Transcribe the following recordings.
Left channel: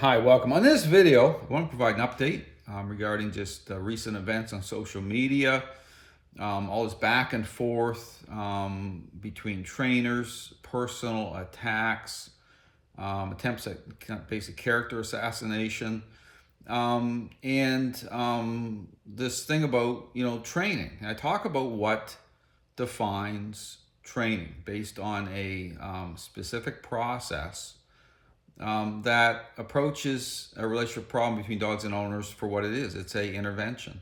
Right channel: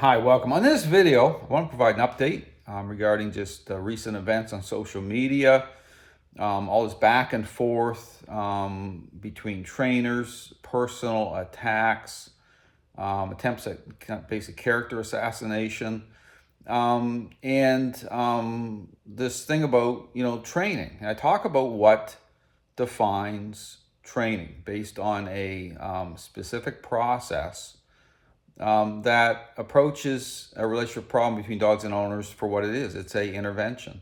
Hi, welcome. On this video, I want to provide an update regarding just recent events on social media, all this back and forth between trainers, personal attacks, attempts at kind of basic character assassination, and this thing about, training. And I talk about what defines training based on a specific process that approaches a relationship problem between dogs and owners for what it is. It's a intervention,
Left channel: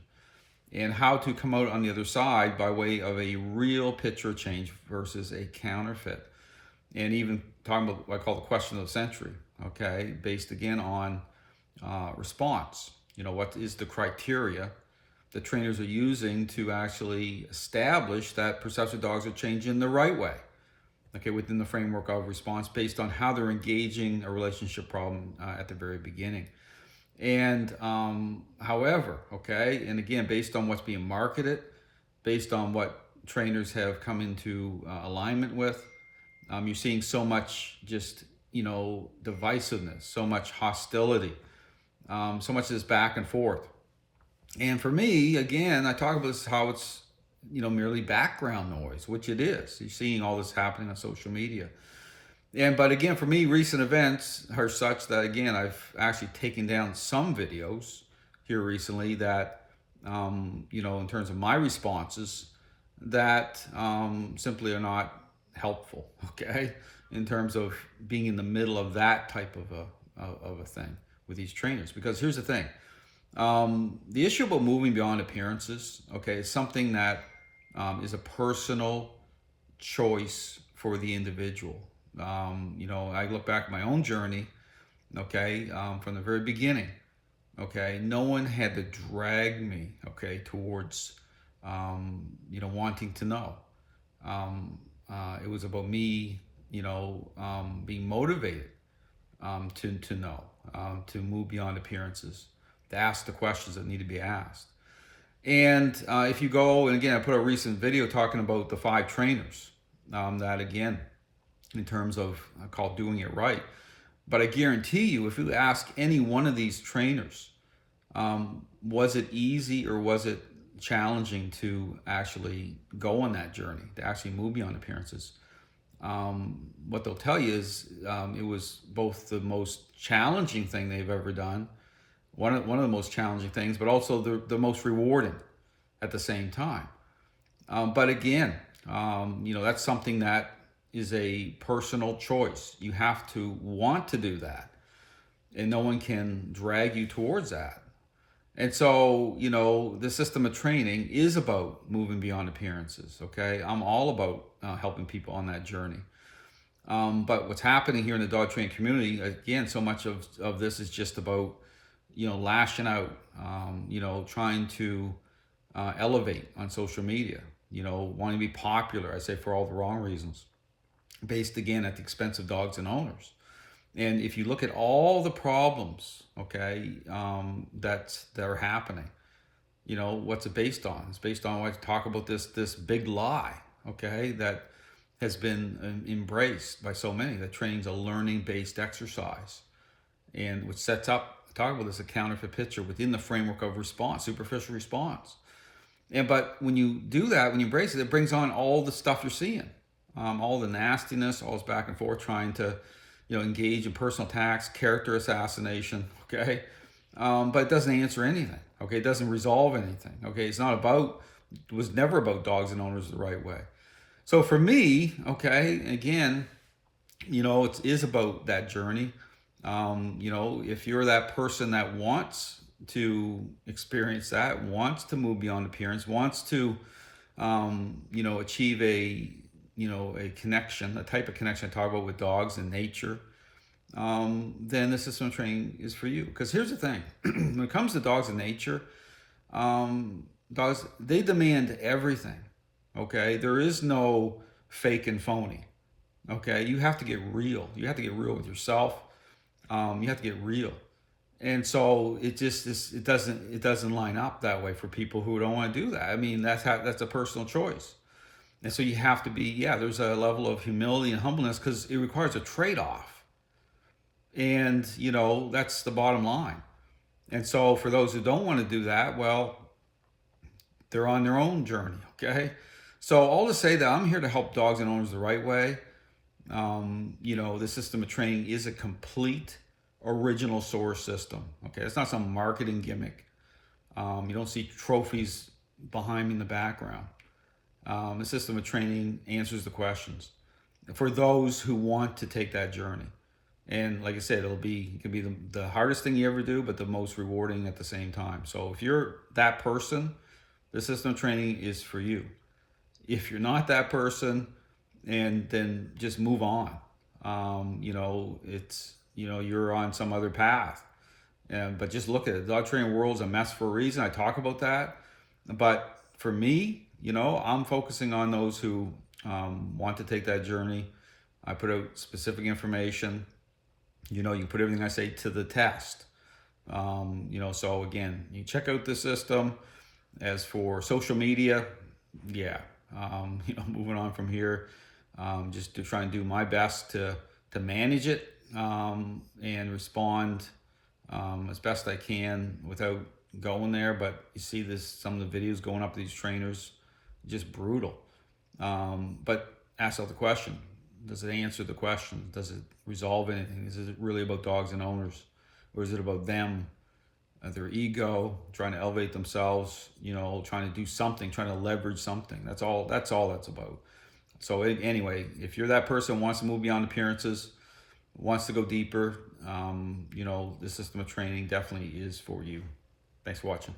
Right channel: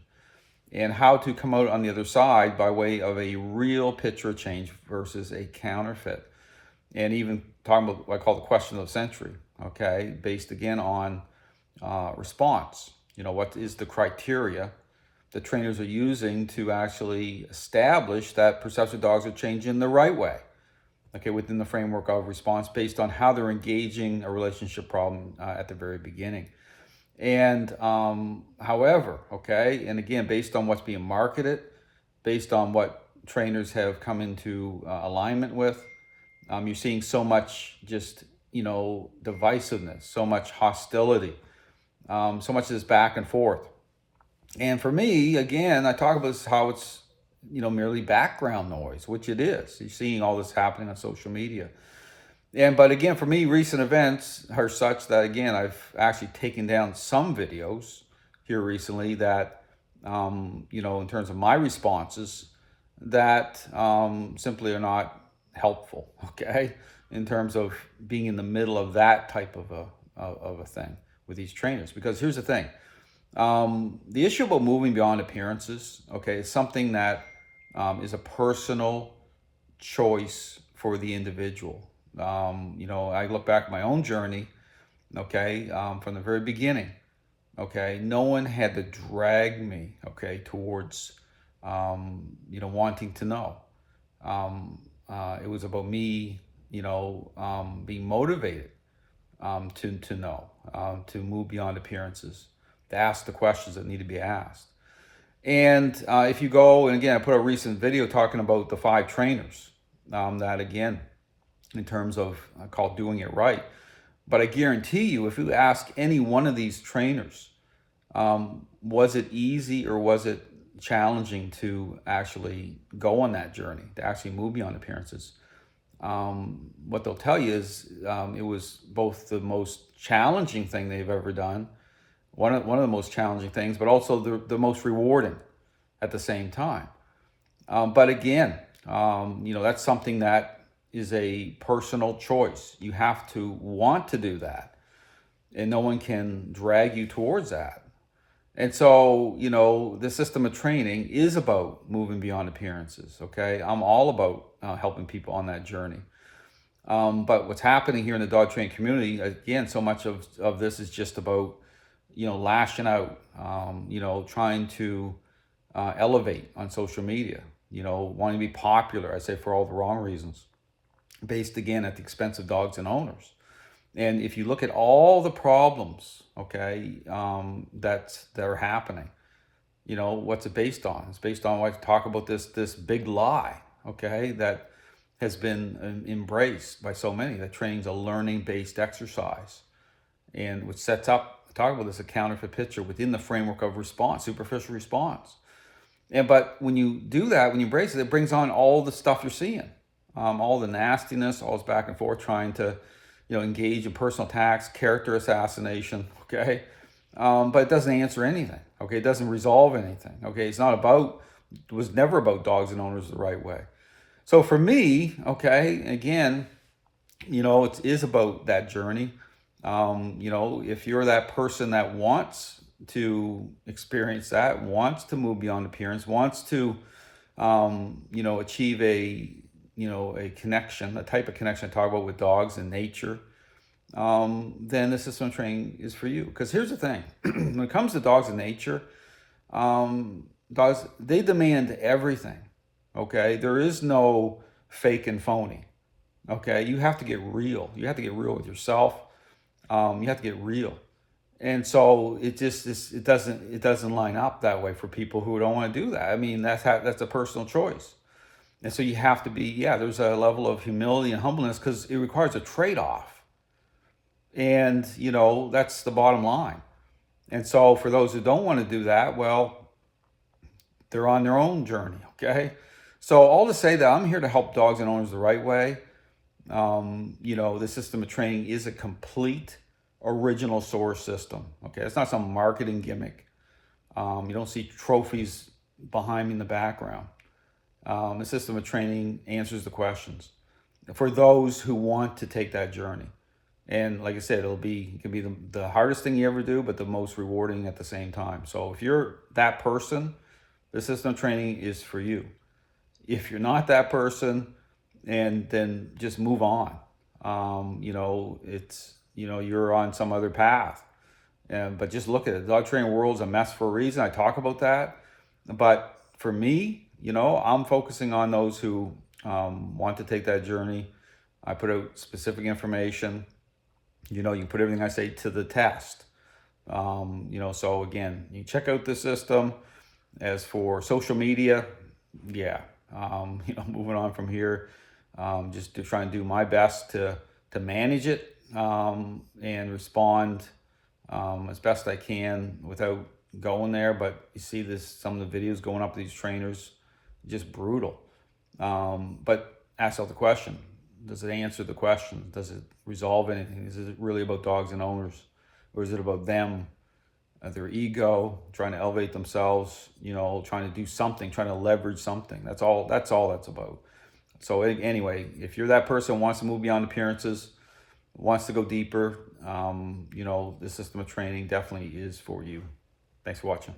and how to come out on the other side by way of a real picture change versus a counterfeit. And even talking about what I call the question of the century, okay, based again on response. What is the criteria that trainers are using to actually establish that perceptive dogs are changing the right way, okay, within the framework of response based on how they're engaging a relationship problem at the very beginning. And however, okay, and again, based on what's being marketed, based on what trainers have come into alignment with, you're seeing so much just, divisiveness, so much hostility, so much of this back and forth. And for me, again, I talk about this, how it's, merely background noise, which it is. You're seeing all this happening on social media. But again, for me, recent events are such that, again, I've actually taken down some videos here recently that, in terms of my responses, that simply are not helpful, okay, in terms of being in the middle of that type of a thing with these trainers. Because here's the thing. The issue about moving beyond appearances, okay, is something that is a personal choice for the individual. I look back at my own journey, okay, from the very beginning, okay. No one had to drag me, okay, towards, wanting to know. It was about me, being motivated to know, to move beyond appearances, to ask the questions that need to be asked. And if you go, and again, I put a recent video talking about the 5 trainers that, again, in terms of called doing it right. But I guarantee you, if you ask any one of these trainers, was it easy or was it challenging to actually go on that journey, to actually move beyond appearances? What they'll tell you is it was both the most challenging thing they've ever done, one of the most challenging things, but also the most rewarding at the same time. But again, that's something that is a personal choice. You have to want to do that, and no one can drag you towards that. And so, the system of training is about moving beyond appearances, okay? I'm all about helping people on that journey. But what's happening here in the dog training community, again, so much of this is just about, lashing out, trying to elevate on social media, wanting to be popular, I say, for all the wrong reasons, based again at the expense of dogs and owners. And if you look at all the problems, okay, that are happening, what's it based on? It's based on, like, talk about this big lie, okay, that has been embraced by so many, that training's a learning-based exercise, and which sets up, talk about this, a counterfeit picture within the framework of response, superficial response. But when you do that, when you embrace it, it brings on all the stuff you're seeing, all the nastiness, all this back and forth, trying to, engage in personal attacks, character assassination, okay? But it doesn't answer anything, okay? It doesn't resolve anything, okay? It was never about dogs and owners the right way. So for me, okay, again, it is about that journey. If you're that person that wants to experience that, wants to move beyond appearance, wants to, achieve a connection, a type of connection I talk about with dogs and nature, then the system of training is for you. Because here's the thing, when it comes to dogs and nature, dogs, they demand everything, okay? There is no fake and phony, okay? You have to get real. You have to get real with yourself. You have to get real. And so it doesn't line up that way for people who don't want to do that. I mean, that's a personal choice. And so you have to be, there's a level of humility and humbleness, because it requires a trade-off. And, that's the bottom line. And so for those who don't want to do that, well, they're on their own journey, okay? So all to say that I'm here to help dogs and owners the right way. The system of training is a complete original source system, okay? It's not some marketing gimmick. You don't see trophies behind me in the background. The system of training answers the questions for those who want to take that journey. And like I said, it can be the hardest thing you ever do, but the most rewarding at the same time. So if you're that person, the system of training is for you. If you're not that person, and then just move on. You're on some other path. But just look at it. The dog training world's a mess for a reason. I talk about that. But for me, I'm focusing on those who want to take that journey. I put out specific information. You put everything I say to the test. So again, you check out the system. As for social media, yeah, moving on from here, just to try and do my best to manage it and respond as best I can without going there. But you see some of the videos going up to these trainers, just brutal. But ask yourself the question: does it answer the question? Does it resolve anything? Is it really about dogs and owners, or is it about them, their ego, trying to elevate themselves? Trying to do something, trying to leverage something. That's all that's about. So anyway, if you're that person who wants to move beyond appearances, wants to go the system of training definitely is for you. Thanks for watching.